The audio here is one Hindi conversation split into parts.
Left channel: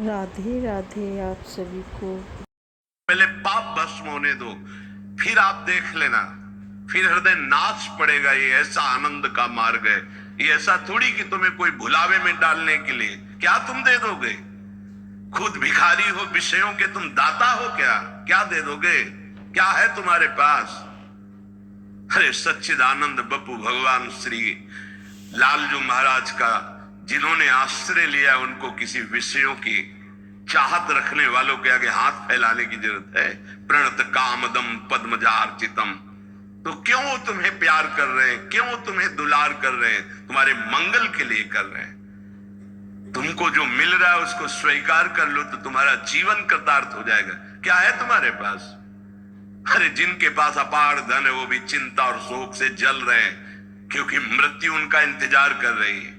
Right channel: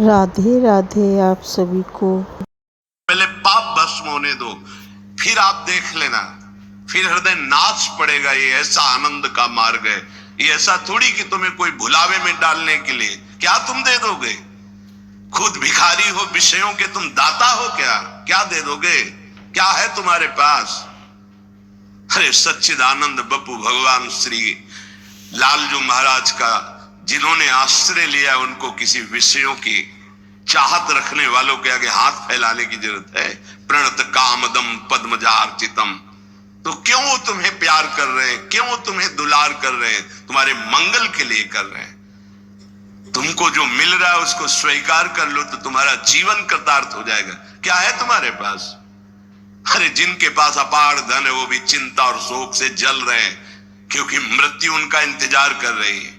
राधे राधे आप सभी को। पहले पाप भस्म होने दो, फिर आप देख लेना, फिर हृदय नाच पड़ेगा। ये ऐसा आनंद का मार्ग है। ये ऐसा थोड़ी कि तुम्हें कोई भुलावे में डालने के लिए। क्या तुम दे दोगे? खुद भिखारी हो, विषयों के तुम दाता हो। क्या दे दोगे? क्या है तुम्हारे पास? अरे सच्चिदानंद बप्पू भगवान श्री लालजू महाराज का जिन्होंने आश्रय लिया, उनको किसी विषयों की चाहत रखने वालों के आगे हाथ फैलाने की जरूरत है? प्रणत कामदम पद्मजार्चितम। तो क्यों वो तुम्हें प्यार कर रहे हैं? क्यों वो तुम्हें दुलार कर रहे हैं? तुम्हारे मंगल के लिए कर रहे हैं। तुमको जो मिल रहा है उसको स्वीकार कर लो तो तुम्हारा जीवन कृतार्थ हो जाएगा। क्या है तुम्हारे पास? अरे जिनके पास अपार धन है वो भी चिंता और शोक से जल रहे हैं, क्योंकि मृत्यु उनका इंतजार कर रही है।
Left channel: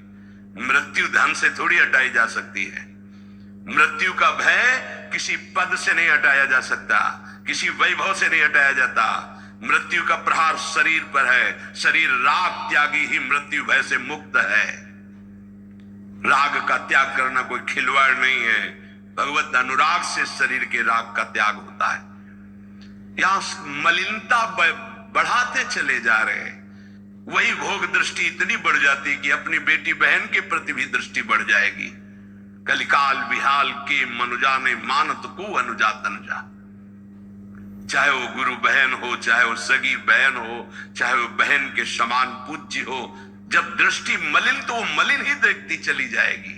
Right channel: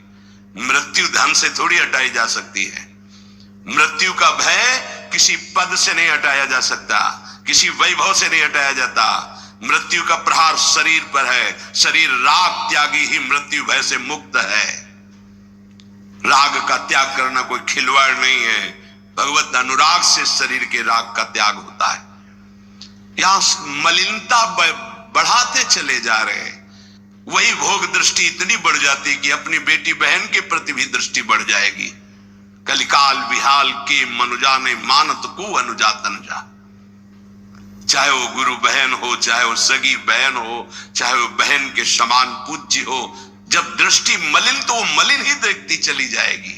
मृत्यु धन से थोड़ी हटाई जा सकती है। मृत्यु का भय किसी पद से नहीं हटाया जा सकता, किसी वैभव से नहीं हटाया जाता। मृत्यु का प्रहार शरीर पर है। शरीर राग त्यागी ही मृत्यु भय से मुक्त है। राग का त्याग करना कोई खिलवाड़ नहीं है। भगवत अनुराग से शरीर के राग का त्याग होता है। यहां मलिनता बढ़ाते चले जा रहे हैं। वही भोग दृष्टि इतनी बढ़ जाती कि अपनी बेटी बहन के प्रति भी दृष्टि बढ़ जाएगी। कलिकाल विहाल के मनुजा ने मानत को अनुजा तनुजा। चाहे वो गुरु बहन हो, चाहे वो सगी बहन हो, चाहे वो बहन के समान पूज्य हो, जब दृष्टि मलिन तो वो मलिन ही देखती चली जाएगी।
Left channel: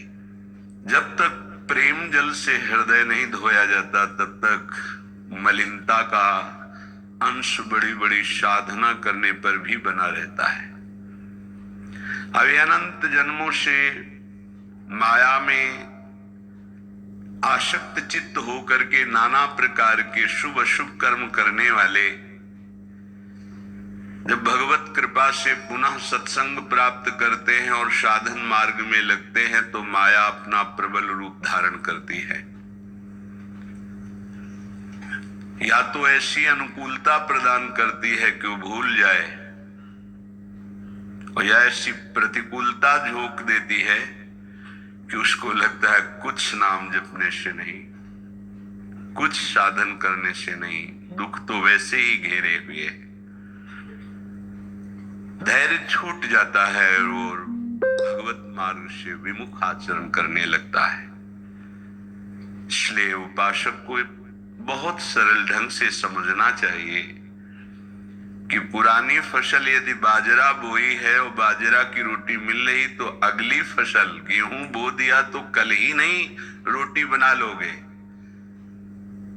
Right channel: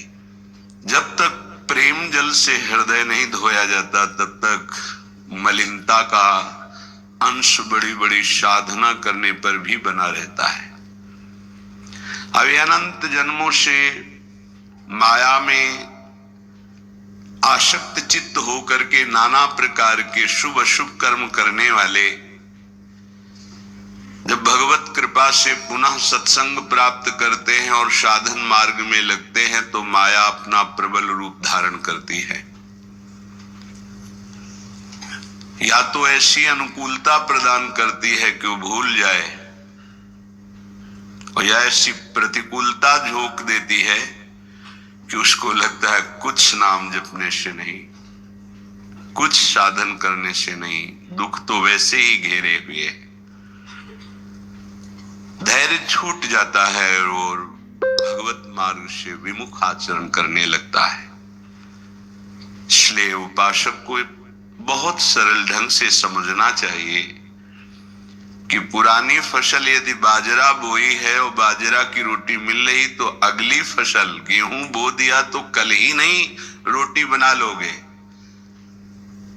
जब तक प्रेम जल से हृदय नहीं धोया जाता तब तक मलिनता का अंश बड़ी बड़ी साधना करने पर भी बना रहता है। अभी अनंत जन्मों से माया में आसक्त चित्त होकर के नाना प्रकार के शुभ अशुभ कर्म करने वाले जब भगवत कृपा से पुनः सत्संग प्राप्त करते हैं और साधन मार्ग में लगते हैं तो माया अपना प्रबल रूप धारण करती है। या तो ऐसी अनुकूलता प्रदान करती है कि वो भूल जाए, और या ऐसी प्रतिकूलता झोंक देती है कि उसको लगता है कुछ नाम जपने से नहीं, कुछ साधन करने से नहीं, दुख तो वैसे ही घेरे हुए। धैर्य छूट जाता है और भगवत मार्ग से विमुख आचरण करने लगता है। इसलिए उपासक को बहुत सरल ढंग से समझना चाहिए कि पुरानी फसल यदि बाजरा बोई है और बाजरा की रोटी मिल रही तो अगली फसल गेहूं बो दिया तो कल ही नहीं रोटी बना लोगे।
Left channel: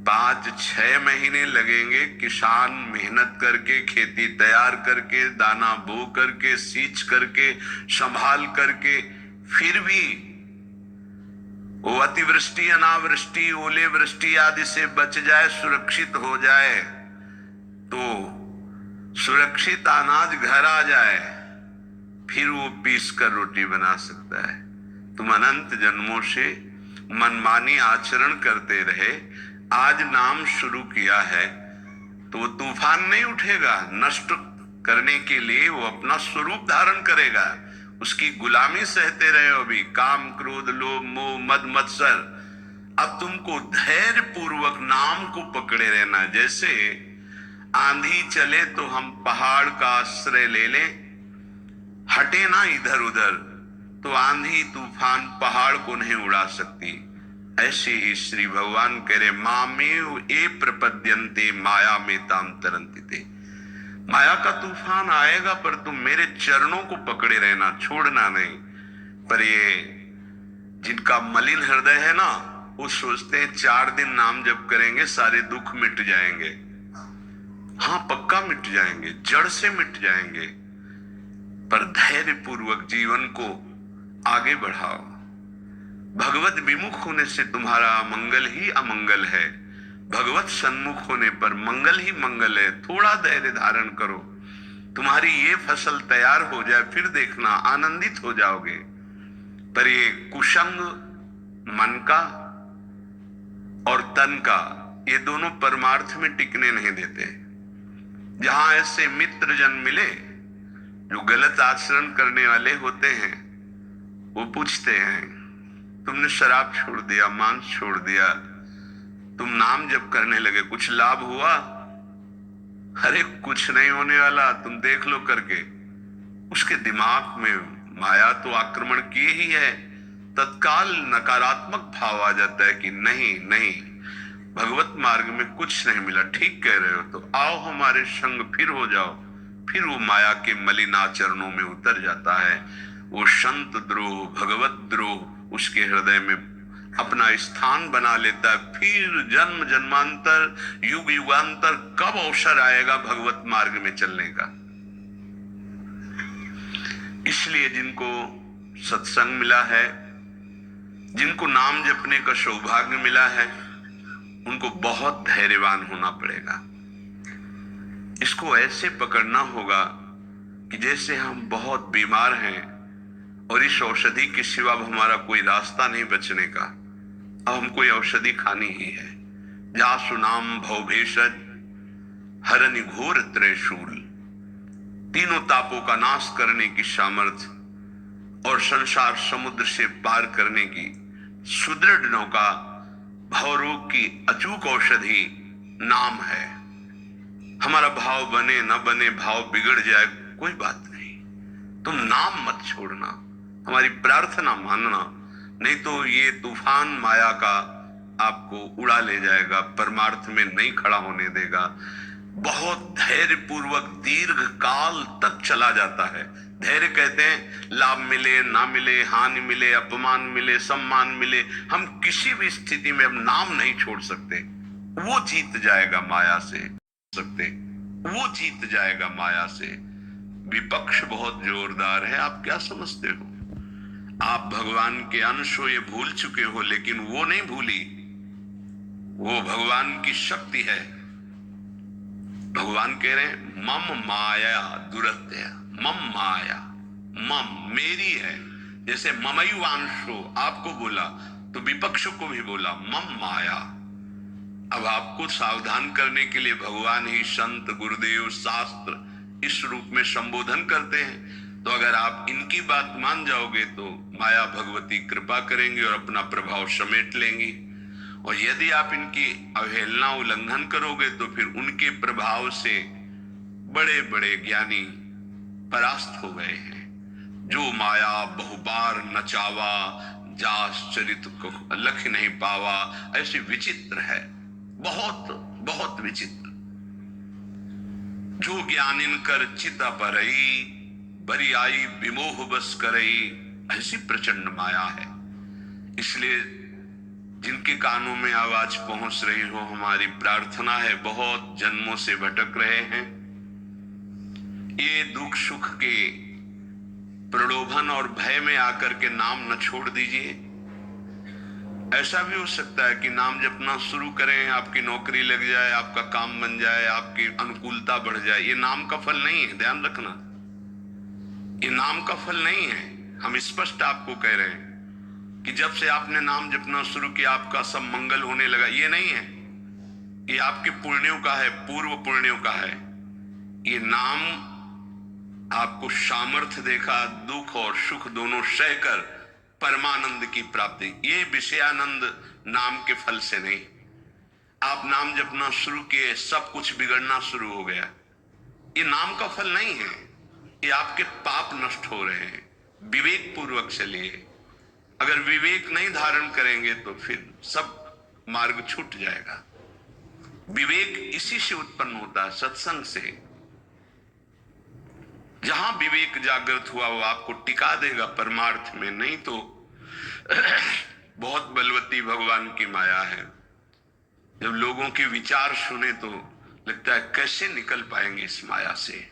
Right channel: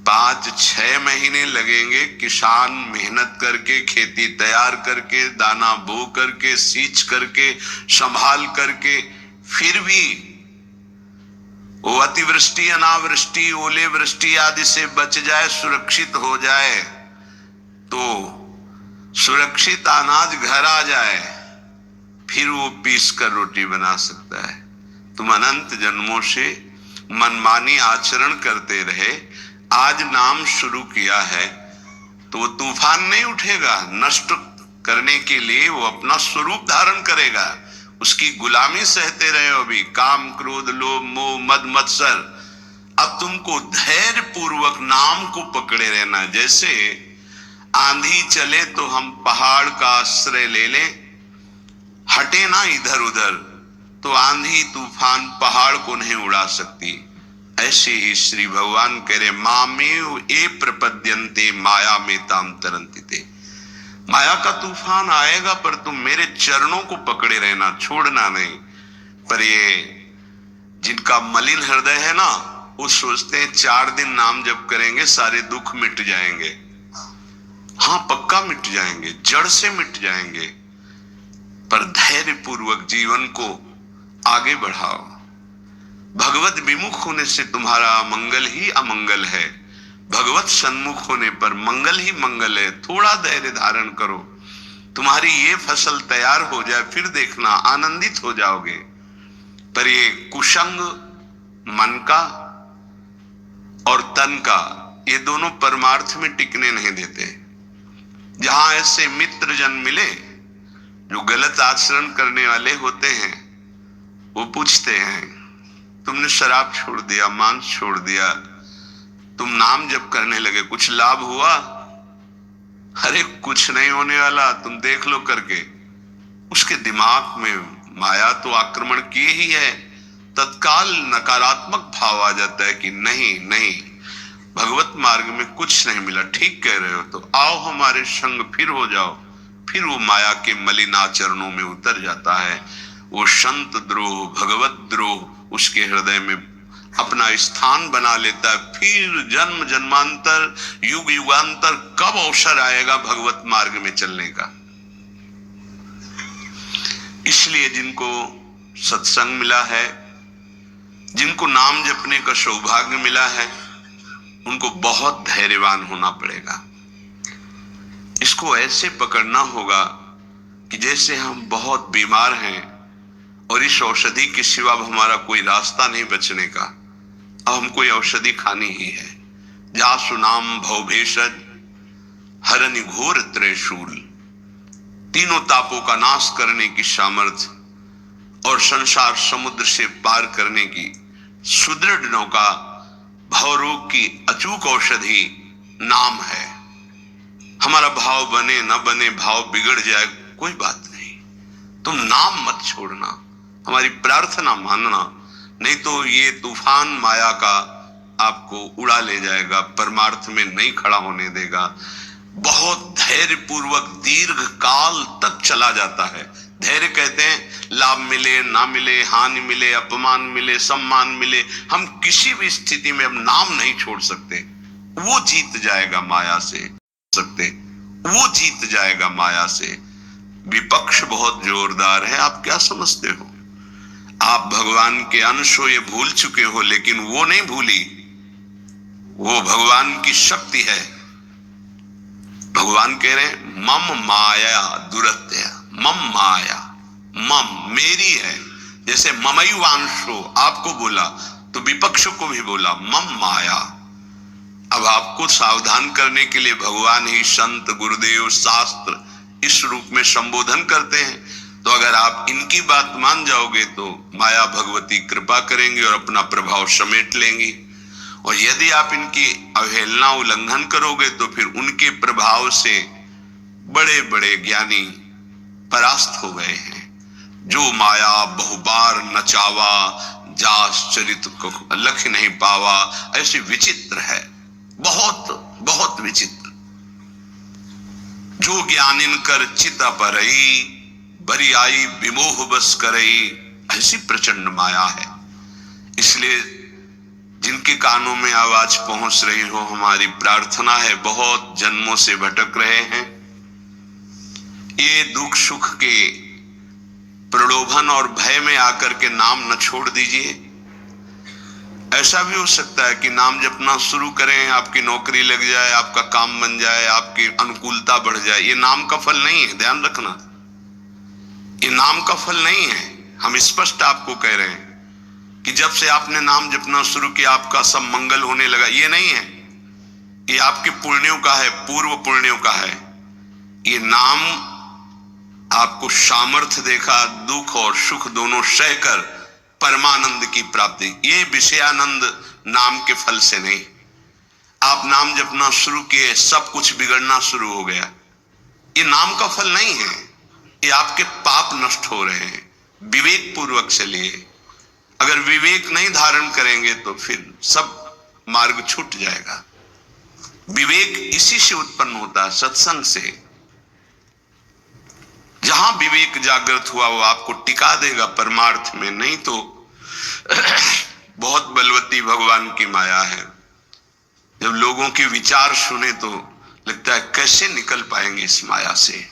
5-6 महीने लगेंगे किसान मेहनत करके, खेती तैयार करके, दाना बो करके, सींच करके, संभाल करके, फिर भी वो अतिवृष्टि, अनावृष्टि, ओले वृष्टि आदि से बच जाए, सुरक्षित हो जाए, तो सुरक्षित अनाज घर आ जाए, फिर वो पीस कर रोटी बना सकता है। तुम अनंत जन्मों से मनमानी आचरण करते रहे, आज नाम शुरू किया है तो वो तूफान नहीं उठेगा। नष्ट करने के लिए वो अपना स्वरूप धारण करेगा। उसकी गुलामी सहते रहे हो अभी, काम क्रोध लोभ मोह मद मत्सर। अब तुमको धैर्य पूर्वक नाम को पकड़े रहना। जैसे आंधी चले तो हम पहाड़ का आश्रय ले लें, हटे ना इधर उधर, तो आंधी तूफान पहाड़ को नहीं उड़ा सकती। ऐसे ही श्री भगवान कह रहे मामेव ए प्रपद्यन्ते माया में ताम तरंतिते। माया का तूफान आएगा पर तुम मेरे चरणों को पकड़े रहना, छोड़ना नहीं। पर ये जिनका मलिन हृदय है ना, वो सोचते हैं 4 दिन नाम जप करेंगे सारे दुख मिट जाएंगे। हाँ पक्का मिट जाएंगे, जड़ से मिट जाएंगे, पर धैर्य पूर्वक जीवन को आगे बढ़ाओ। भगवत विमुख होने से तुम्हारा मंगल ही अमंगल है, भगवत सन्मुख होने पर मंगल ही मंगल है। थोड़ा धैर्य धारण करो, तुम्हारी ये फसल तैयार हो जाए, फिर देखना आनंदित हो जाओगे। पर ये कुसंग मन का और तन का, ये दोनों परमार्थ में टिकने नहीं देते। जहां ऐसे मित्र जन मिले जो गलत आचरण करने वाले होते हैं, वो पूछते हैं तुमने शराब छोड़ दिया, मांस छोड़ दिया, तुम नाम जप करने लगे, कुछ लाभ हुआ? अरे कुछ नहीं होने वाला, तुम देख लो करके। उसके दिमाग में माया तो आक्रमण किए ही है। तत्काल नकारात्मक भाव आ जाता है कि नहीं नहीं, भगवत मार्ग में कुछ नहीं मिला, ठीक कह रहे हो, तो आओ हमारे संग, फिर हो जाओ। फिर वो माया के मलिनाचरणों में उतर जाता है। वो संत द्रोह, भगवत द्रोह उसके हृदय में अपना स्थान बना लेता है। फिर जन्म जन्मांतर, युग युगांतर कब अवसर आएगा भगवत मार्ग में चलने का। इसलिए जिनको सत्संग मिला है, जिनको नाम जपने का सौभाग्य मिला है, उनको बहुत धैर्यवान होना पड़ेगा। इसको ऐसे पकड़ना होगा कि जैसे हम बहुत बीमार हैं और इस औषधि के सिवा हमारा कोई रास्ता नहीं बचने का, अब हमको औषधि खानी ही है। जासु नाम भव भेषज हरनि घोर त्रैशूल, तीनों तापों का नाश करने की सामर्थ्य और संसार समुद्र से पार करने की सुदृढ़ नौका, भवरोग की अचूक औषधि नाम है। हमारा भाव बने न बने, भाव बिगड़ जाए, कोई बात नहीं, तुम नाम मत छोड़ना, हमारी प्रार्थना मानना, नहीं तो ये तूफान माया का आपको उड़ा ले जाएगा, परमार्थ में नहीं खड़ा होने देगा। बहुत धैर्य पूर्वक दीर्घ काल तक चला जाता है। धैर्य कहते हैं लाभ मिले ना मिले, हानि मिले, अपमान मिले, सम्मान मिले, हम किसी भी स्थिति में अब नाम नहीं छोड़ सकते। वो जीत जाएगा माया से, वो जीत जाएगा माया से। विपक्ष बहुत जोरदार है, आप क्या समझते हो? आप भगवान के अंश हो, ये भूल चुके हो, लेकिन वो नहीं भूली, वो भगवान की शक्ति है। भगवान कह रहे हैं मम माया दुरत्य, मम माया, मम मेरी है। जैसे ममैवांशो आपको बोला तो विपक्ष को भी बोला मम माया। अब आपको सावधान करने के लिए भगवान ही संत, गुरुदेव, शास्त्र इस रूप में संबोधन करते हैं। तो अगर आप इनकी बात मान जाओगे तो माया भगवती कृपा करेंगी और अपना प्रभाव समेट लेंगी, और यदि आप इनकी अवहेलना, उल्लंघन करोगे तो फिर उनके प्रभाव से बड़े बड़े ज्ञानी परास्त हो गए हैं। जो माया बहुबार नचावा, जास चरित को लख नहीं पावा, ऐसी विचित्र है, बहुत बहुत विचित्र। जो ज्ञानिन कर चिता परई, बरियाई विमोह बस करई, ऐसी प्रचंड माया है। इसलिए जिनके कानों में आवाज पहुंच रही हो, हमारी प्रार्थना है, बहुत जन्मों से भटक रहे हैं, ये दुख सुख के प्रलोभन और भय में आकर के नाम न छोड़ दीजिए। ऐसा भी हो सकता है कि नाम जपना शुरू करें, आपकी नौकरी लग जाए, आपका काम बन जाए, आपकी अनुकूलता बढ़ जाए। ये नाम का फल नहीं है, ध्यान रखना, ये नाम का फल नहीं है। हम स्पष्ट आपको कह रहे हैं कि जब से आपने नाम जपना शुरू किया आपका सब मंगल होने लगा, ये नहीं है। ये आपके पुण्यों का है, पूर्व पुण्यों का है। ये नाम आपको सामर्थ्य देखा, दुख और सुख दोनों सहकर परमानंद की प्राप्ति। ये विषयानंद नाम के फल से नहीं। आप नाम जपना शुरू किए, सब कुछ बिगड़ना शुरू हो गया, ये नाम का फल नहीं है। ये आपके पाप नष्ट हो रहे हैं। विवेक पूर्वक चलिए। अगर विवेक नहीं धारण करेंगे तो फिर सब मार्ग छूट जाएगा। विवेक इसी से उत्पन्न होता है, सत्संग से। जहां विवेक जागृत हुआ वो आपको टिका देगा परमार्थ में, नहीं तो बहुत बलवती भगवान की माया है। जब लोगों के विचार सुने तो लगता है कैसे निकल पाएंगे इस माया से।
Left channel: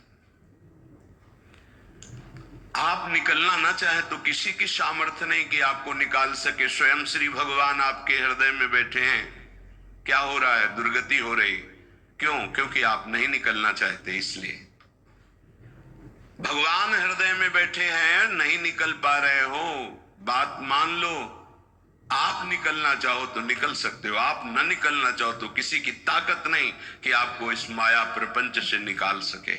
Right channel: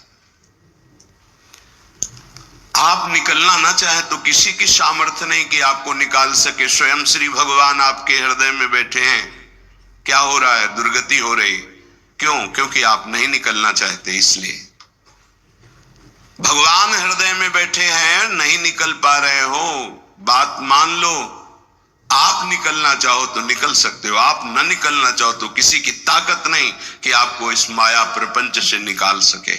आप निकलना ना चाहे तो किसी की सामर्थ्य नहीं कि आपको निकाल सके। स्वयं श्री भगवान आपके हृदय में बैठे हैं। क्या हो रहा है? दुर्गति हो रही। क्यों? क्योंकि आप नहीं निकलना चाहते, इसलिए। भगवान हृदय में बैठे हैं, नहीं निकल पा रहे हो, बात मान लो। आप निकलना चाहो तो निकल सकते हो, आप न निकलना चाहो तो किसी की ताकत नहीं कि आपको इस माया प्रपंच से निकाल सके।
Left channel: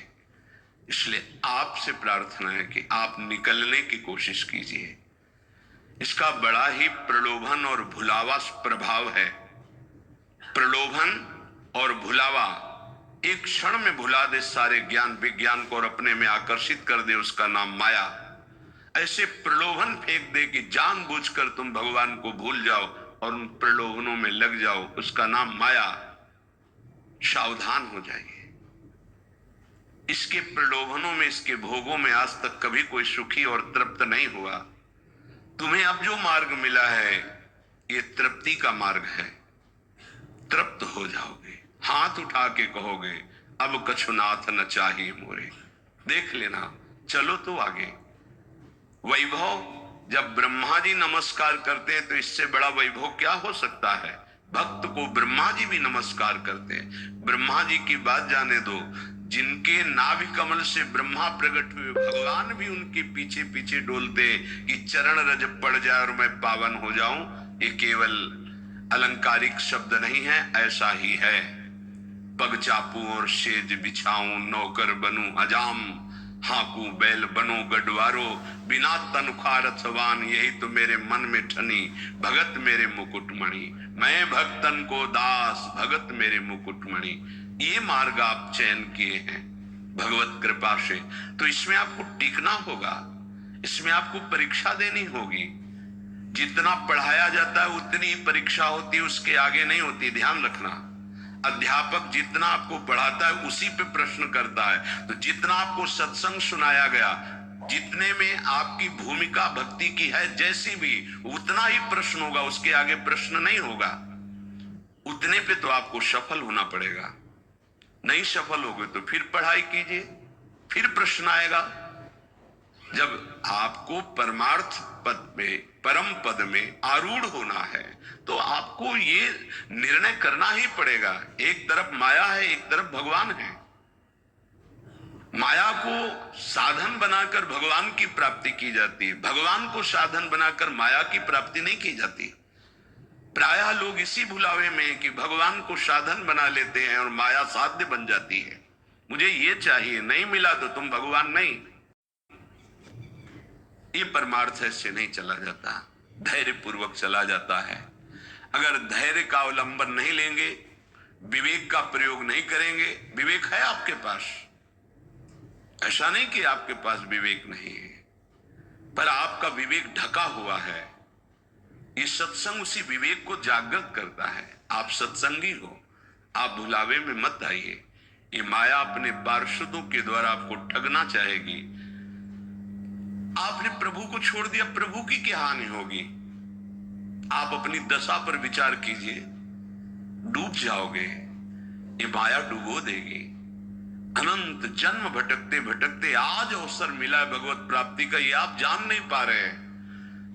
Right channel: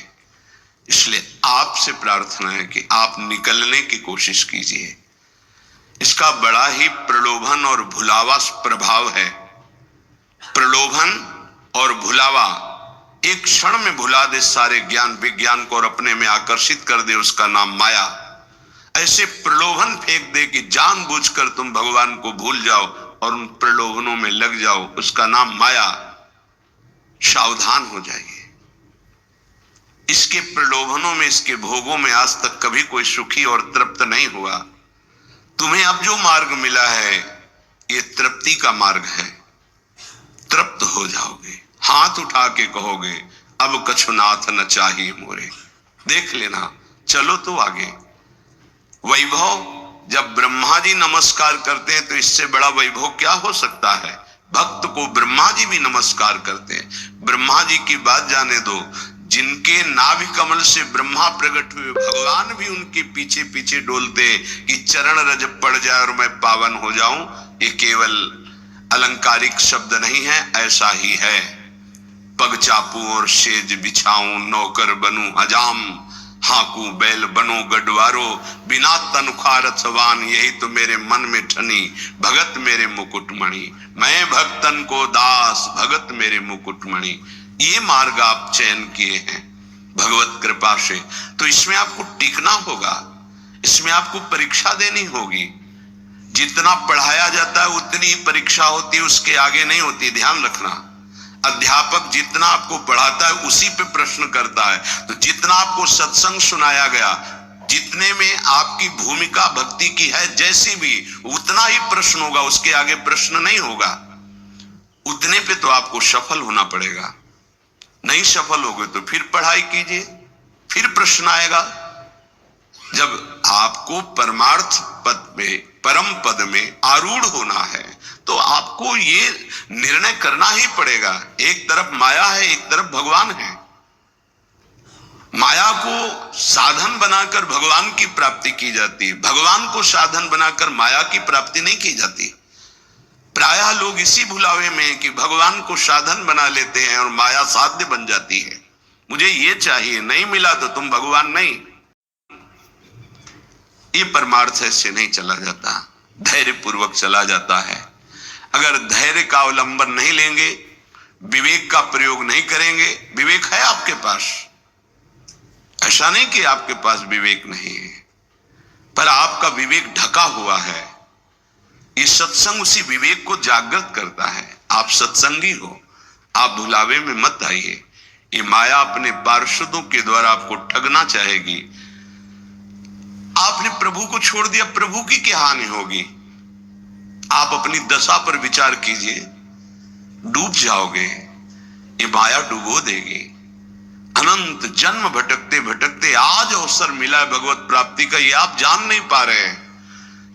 इसलिए आपसे प्रार्थना है कि आप निकलने की कोशिश कीजिए। इसका बड़ा ही प्रलोभन और भुलावा प्रभाव है। प्रलोभन और भुलावा एक क्षण में भुला दे सारे ज्ञान विज्ञान को और अपने में आकर्षित कर दे, उसका नाम माया। ऐसे प्रलोभन फेंक दे कि जानबूझकर तुम भगवान को भूल जाओ और उन प्रलोभनों में लग जाओ, उसका नाम माया। सावधान हो जाइए। इसके प्रलोभनों में, इसके भोगों में आज तक कभी कोई सुखी और तृप्त नहीं हुआ। तुम्हें अब जो मार्ग मिला है ये तृप्ति का मार्ग है। तृप्त हो जाओगे, हाथ उठा के कहोगे अब कछुनाथ न चाहिए मोरे। देख लेना, चलो तो आगे। वैभव, जब ब्रह्मा जी नमस्कार करते हैं तो इससे बड़ा वैभव क्या हो सकता है। भक्त को ब्रह्मा जी भी नमस्कार करते हैं। ब्रह्मा जी की बात जाने दो, जिनके नाभि कमल से ब्रह्मा प्रकट हुए, भगवान भी उनके पीछे पीछे डोलते कि चरण रज पड़ जाए और मैं पावन हो जाऊं। ये केवल अलंकारिक शब्द नहीं है, ऐसा ही है। पग चापू और सेज बिछाऊं, नौकर बनूं हजाम, हाकू बैल बनो गढ़वारो, बिना तनख्वाह रथवान, यही तो मेरे मन में ठनी, भगत मेरे मुकुटमणि। मैं भक्तन को दास, भगत मेरे मुकुटमणि। ये मार्ग आप चयन किए हैं भगवत कृपा से, तो इसमें आपको टिकना होगा, इसमें आपको परीक्षा देनी होगी। जितना पढ़ाया जाता है उतनी ही परीक्षा होती है, उसके आगे नहीं होती, ध्यान रखना। अध्यापक जितना आपको पढ़ाता है उसी पे प्रश्न करता है। तो जितना आपको सत्संग सुनाया गया, जितने में आपकी भूमिका भक्ति की है जैसी भी, उतना ही प्रश्न होगा, उसके आगे प्रश्न नहीं होगा। उतने पे तो आपको सफल होना पड़ेगा। नहीं सफल होगे तो फिर पढ़ाई कीजिए, फिर प्रश्न आएगा। जब आपको परमार्थ पद में, परम पद में आरूढ़ होना है तो आपको ये निर्णय करना ही पड़ेगा। एक तरफ माया है, एक तरफ भगवान है। माया को साधन बनाकर भगवान की प्राप्ति की जाती है, भगवान को साधन बनाकर माया की प्राप्ति नहीं की जाती। प्रायः लोग इसी भुलावे में कि भगवान को साधन बना लेते हैं और माया साध्य बन जाती है। मुझे ये चाहिए, नहीं मिला तो तुम भगवान नहीं। ये परमार्थ ऐसे नहीं चला जाता, धैर्य पूर्वक चला जाता है। अगर धैर्य का अवलंबन नहीं लेंगे, विवेक का प्रयोग नहीं करेंगे, विवेक है आपके पास, ऐसा नहीं कि आपके पास विवेक नहीं है, पर आपका विवेक ढका हुआ है। ये सत्संग उसी विवेक को जागृत करता है। आप सत्संगी हो, आप भुलावे में मत आइए। ये माया अपने पार्षदों के द्वारा आपको ठगना चाहेगी। आपने प्रभु को छोड़ दिया, प्रभु की क्या हानि होगी। आप अपनी दशा पर विचार कीजिए, डूब जाओगे, ये माया डुबो देगी। अनंत जन्म भटकते भटकते आज अवसर मिला है भगवत प्राप्ति का, ये आप जान नहीं पा रहे हैं।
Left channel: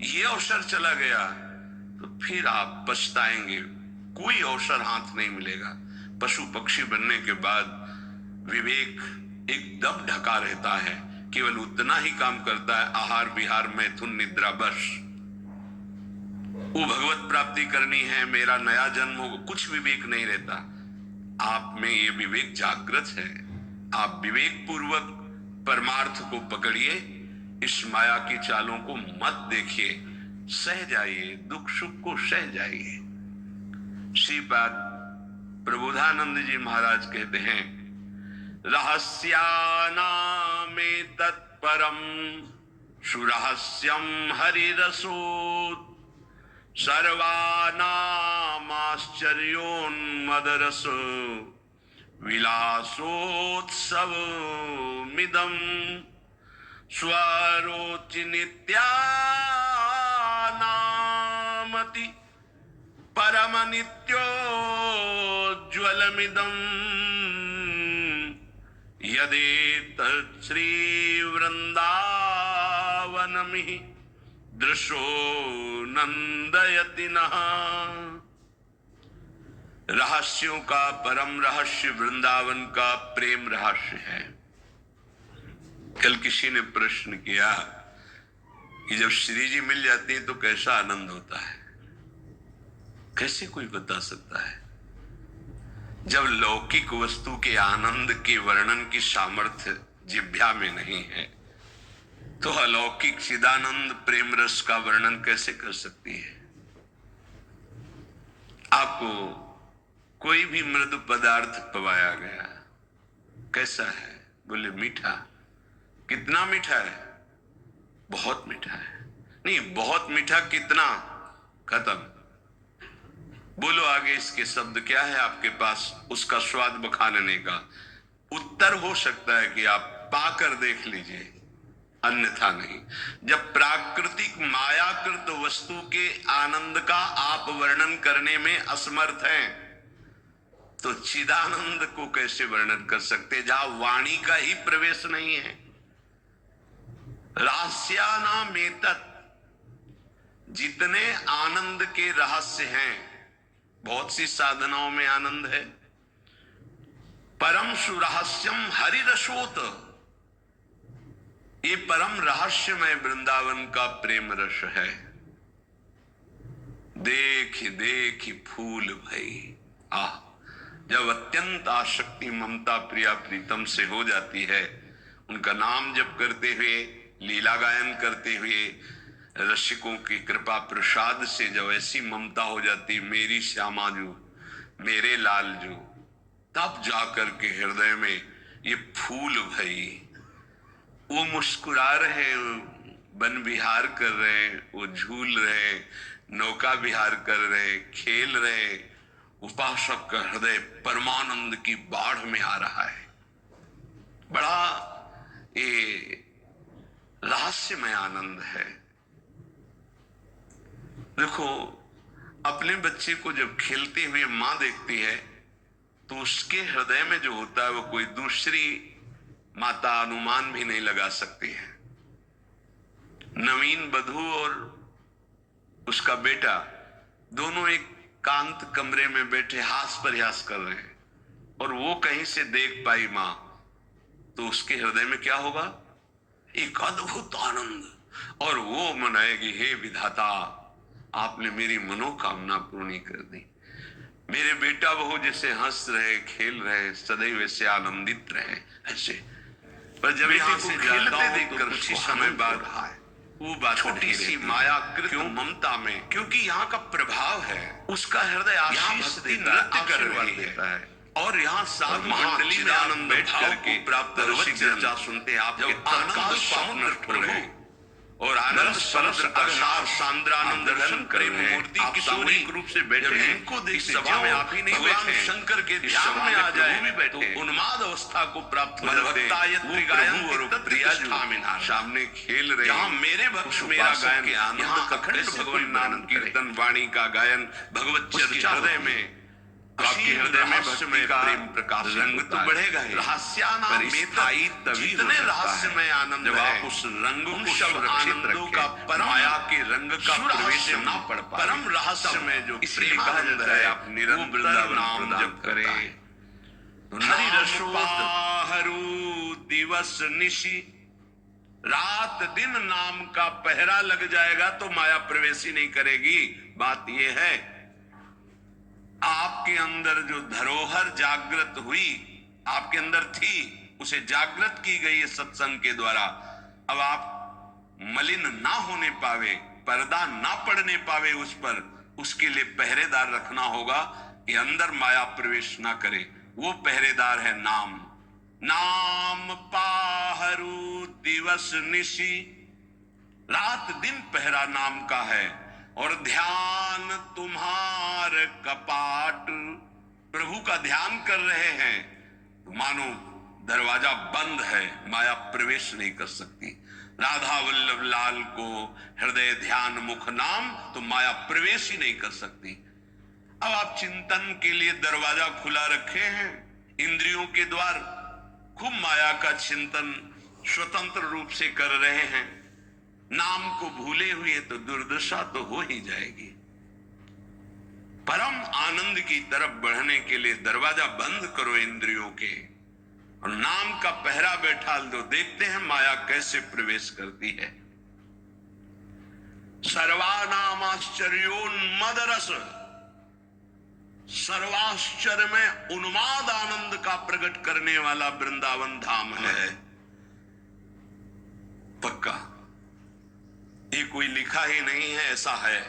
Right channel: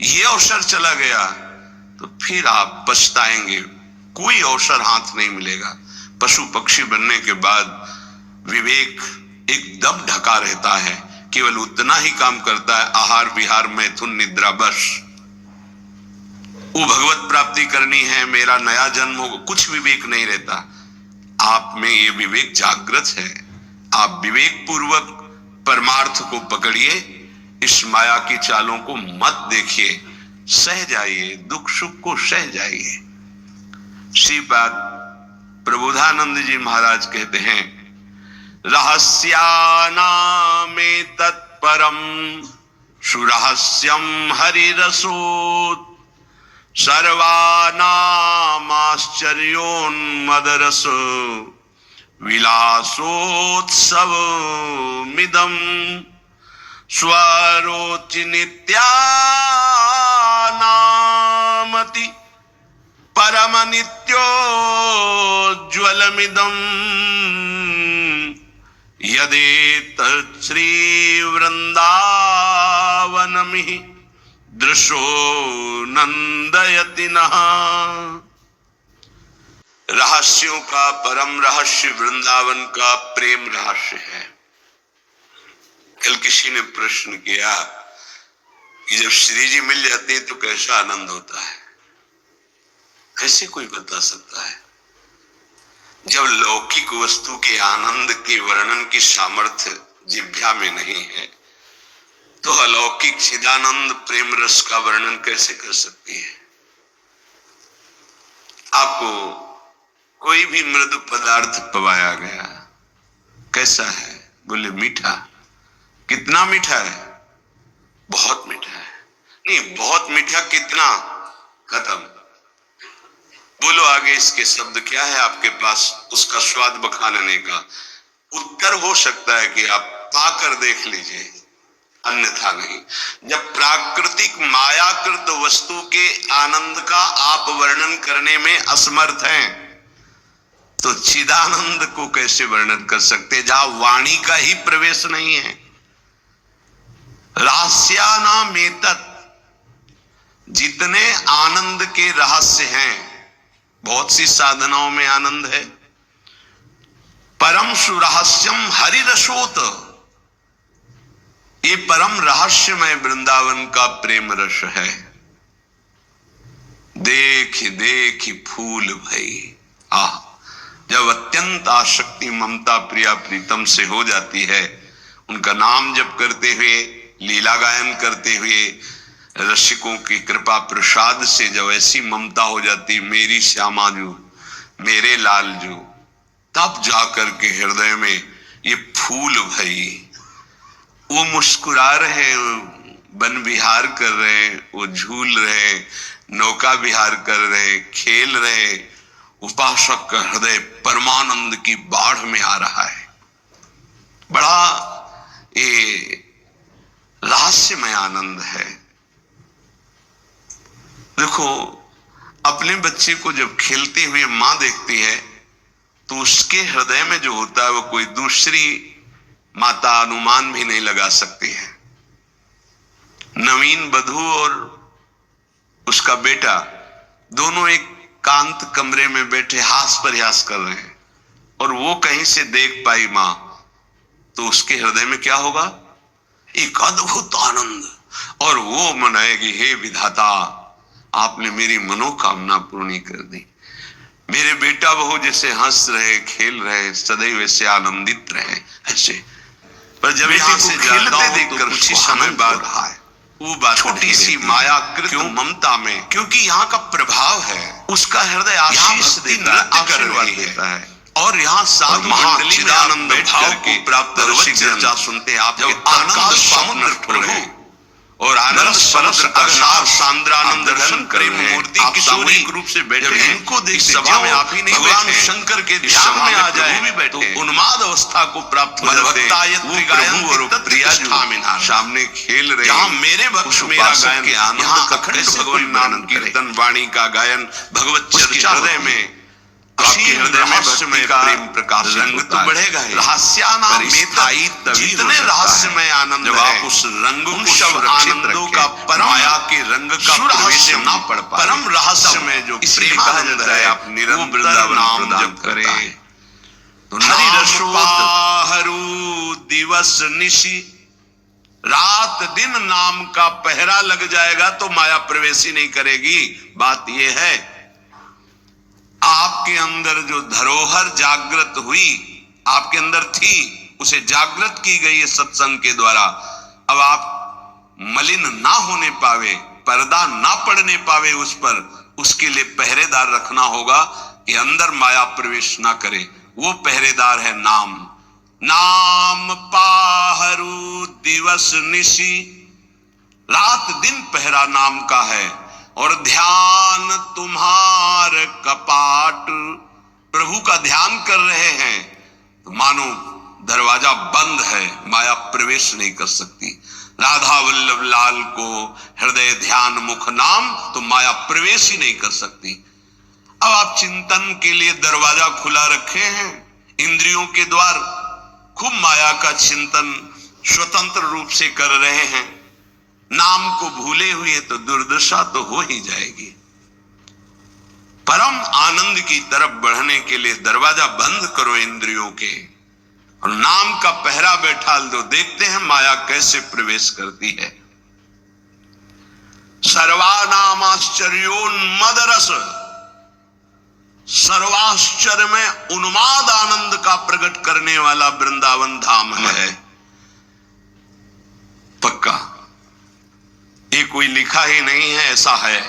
ये अवसर चला गया तो फिर आप पछताएंगे, कोई अवसर हाथ नहीं मिलेगा। पशु पक्षी बनने के बाद विवेक एकदम ढका रहता है, केवल उतना ही काम करता है, आहार विहार मैथुन निद्रा, बस। वो भगवत प्राप्ति करनी है, मेरा नया जन्म हो, कुछ विवेक नहीं रहता। आप में ये विवेक जागृत है। आप विवेक पूर्वक परमार्थ को पकड़िए, इस माया की चालों को मत देखिए, सह जाइए, दुख सुख को सह जाइए। श्रीपाद प्रबोधानंद जी महाराज कहते हैं, रहस्यानामे तत्परम सुरहस्यम हरिरसोत्, सर्वानामाश्चर्योन्मदरस विलासोत्सवमिदं स्वरोचि नित्यानामति परम नित्योज्ज्वलमिदं यदेतत् श्री वृंदावनमिः दृशो नंदयति नः। रहस्यों का परम रहस्य वृंदावन का प्रेम रहस्य है। कल किसी ने प्रश्न किया कि जब श्री जी मिल जाते हैं तो कैसा आनंद होता है। कैसे कोई बता सकता है। जब लौकिक वस्तु के आनंद के वर्णन की सामर्थ्य जिह्वा में नहीं है, तो अलौकिक चिदानंद प्रेम रस का वर्णन कैसे कर सकती है? आपको कोई भी मृदु पदार्थ पवाया गया, कैसा है? बोले मीठा। कितना मीठा है? बहुत मीठा है। नहीं, बहुत मीठा कितना? खत्म। बोलो आगे इसके शब्द क्या है आपके पास उसका स्वाद बखानने का? उत्तर हो सकता है कि आप पाकर देख लीजिए, अन्यथा नहीं। जब प्राकृतिक मायाकृत वस्तु के आनंद का आप वर्णन करने में असमर्थ हैं, तो चिदानंद को कैसे वर्णन कर सकते, जहां वाणी का ही प्रवेश नहीं है? रहस्यानामेतत्, जितने आनंद के रहस्य हैं, बहुत सी साधनाओं में आनंद है। परम सुरहस्यम हरिरसोत, ये परम रहस्यमय वृंदावन का प्रेम रस है। देख देख फूल भई। जब अत्यंत आसक्ति ममता प्रिया प्रीतम से हो जाती है, उनका नाम जप करते हुए, लीला गायन करते हुए, रसिकों की कृपा प्रसाद से जब ऐसी ममता हो जाती, मेरी श्यामा जो, मेरे लाल जो, तब जाकर के हृदय में ये फूल भई। वो मुस्कुरा रहे, वन विहार कर रहे, वो झूल रहे, नौका विहार कर रहे, खेल रहे, उपासक का हृदय परमानंद की बाढ़ में आ रहा है। बड़ा ये रहस्यमय आनंद है। देखो, अपने बच्चे को जब खेलते हुए मां देखती है, तो उसके हृदय में जो होता है वो कोई दूसरी माता अनुमान भी नहीं लगा सकती है। नवीन बधू और उसका बेटा दोनों एक कांत कमरे में बैठे हास प्रयास कर रहे हैं, और वो कहीं से देख पाई मां, तो उसके हृदय में क्या होगा? एक अद्भुत आनंद, और वो मनाएगी, हे विधाता, आपने मेरी मनोकामना पूर्ण कर दी। मेरे बेटा बहू जैसे हंस रहे, खेल रहे, सदैव वैसे आनंदित रहे, ऐसे। पर जब यहाँ से जाता हूं देखकर कुछ ही समय बाद वो बात छोटी सी मायाकृत ममता में, क्योंकि यहाँ का प्रभाव है, उसका हृदय आशीष देता है, आशीर्वाद देता है। और यहाँ साधु मंडली में आनंद भाव को प्राप्त चर्चा सुनते हैं आप, जब आनंद समुद्र प्रभु और आनंद समुद्र का सांद्रानंद दर्शन प्रेम मूर्ति की सामूहिक रूप से बैठे, इनको देख सभा में आप ही नहीं, भगवान शंकर के ध्यान में आ जाए तो उन्माद अवस्था को प्राप्त हो जाते हैं। वो प्रभु और प्रिया जो सामने खेल रहे, जहां मेरे भक्त मेरा गायन के आनंद, अखंड भगवान नाम कीर्तन वाणी का गायन, भगवत चर्चा हृदय में, आपके हृदय में भक्ति का प्रेम प्रकाश रंग तो बढ़ेगा ही। रहस्यानामेतत्, जितने रहस्यमय आनंद, जब आप उस रंग को सब आनंदों का परम माया के रंग का प्रवेश ना पड़ पाए, परम रहस्य में जो प्रेम कहा जाता है, आप निरंतर नाम जप करें तो हरु दिवस निशि, रात दिन नाम का पहरा लग जाएगा तो माया प्रवेश ही नहीं करेगी। बात यह है, आपके अंदर जो धरोहर जागृत हुई, आपके अंदर थी, उसे जागृत की गई है सत्संग के द्वारा। अब आप मलिन ना होने पावे, पर्दा ना पड़ने पावे उस पर, उसके लिए पहरेदार रखना होगा कि अंदर माया प्रवेश ना करे। वो पहरेदार है नाम। नाम पाहरू दिवस निशि, रात दिन पहरा नाम का है। और ध्यान तुम्हार कपाट, प्रभु का ध्यान कर रहे हैं तो मानो दरवाजा बंद है, माया प्रवेश नहीं कर सकती। राधा वल्लभ लाल को हृदय ध्यान मुख नाम, तो माया प्रवेश ही नहीं कर सकती। अब आप चिंतन के लिए दरवाजा खुला रखे हैं, इंद्रियों के द्वार, खूब माया का चिंतन स्वतंत्र रूप से कर रहे हैं, नाम को भूले हुए तो दुर्दशा तो हो ही जाएगी। परम आनंद की तरफ बढ़ने के लिए दरवाजा बंद करो इंद्रियों के, और नाम का पहरा बैठा दो। देखते हैं माया कैसे प्रवेश करती है। सर्वानामाश्चर्योन्मद रस, सर्वाश्चर्य में उन्माद आनंद का प्रकट करने वाला वृंदावन धाम है। पक्का, ये कोई लिखा ही नहीं है, ऐसा है।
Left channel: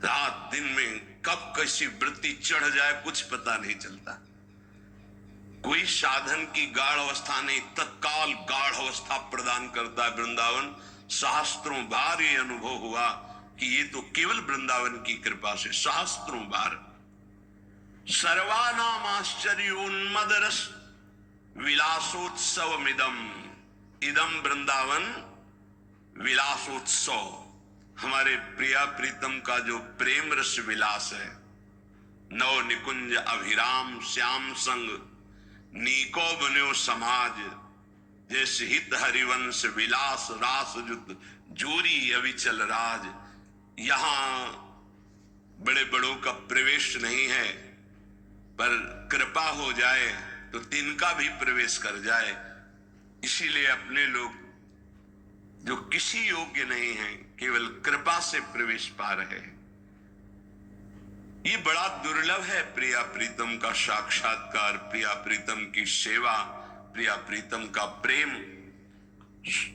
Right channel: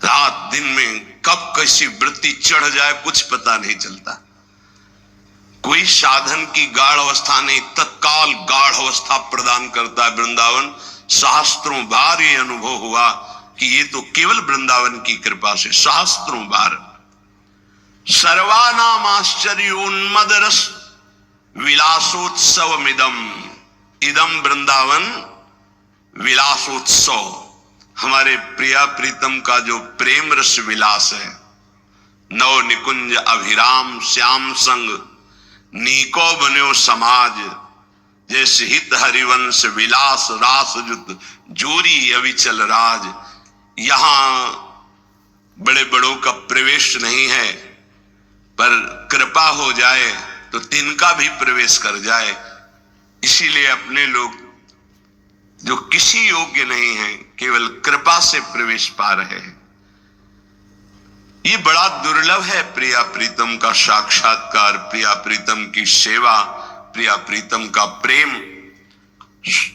रात दिन में कब कैसी वृत्ति चढ़ जाए कुछ पता नहीं चलता। कोई साधन की गाढ़ अवस्था नहीं, तत्काल गाढ़ अवस्था प्रदान करता है वृंदावन। सहस्त्रों बार ये अनुभव हुआ कि ये तो केवल वृंदावन की कृपा से, सहस्त्रों बार। सर्वानाम आश्चर्योन्मद रस विलासोत्सवमिदम, इदम वृंदावन विलासोत्सव। हमारे प्रिया प्रीतम का जो प्रेम रस विलास है, नव निकुंज अभिराम श्याम संग नीको बन्यो समाज, जैसे हित हरिवंश विलास रास जुत जोरी अविचल राज। यहां बड़े बड़ों का प्रवेश नहीं है, पर कृपा हो जाए तो तिनका भी प्रवेश कर जाए। इसीलिए अपने लोग जो किसी योग्य नहीं है, केवल कृपा से प्रवेश पा रहे हैं। ये बड़ा दुर्लभ है, प्रिया प्रीतम का साक्षात्कार, प्रिया प्रीतम की सेवा, प्रिया प्रीतम का प्रेम।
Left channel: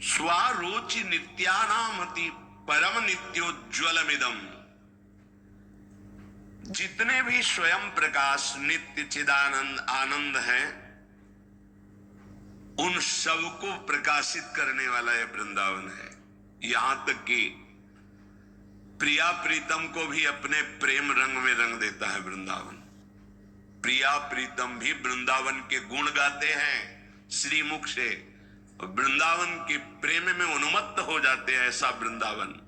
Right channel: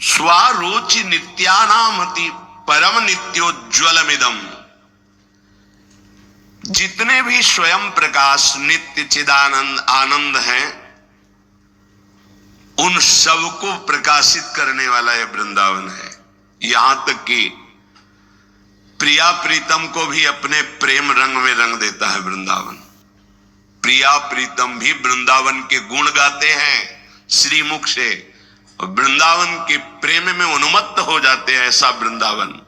स्वारोचि नित्यानामति परम नित्योज्वलमिदम। जितने भी स्वयं प्रकाश नित्य चिदानंद आनंद हैं, उन सबको प्रकाशित करने वाला यह वृंदावन है। यहां तक कि प्रिया प्रीतम को भी अपने प्रेम रंग में रंग देता है वृंदावन। प्रिया प्रीतम भी वृंदावन के गुण गाते हैं श्रीमुख से, और वृंदावन के प्रेम में उन्मत्त हो जाते हैं, ऐसा वृंदावन।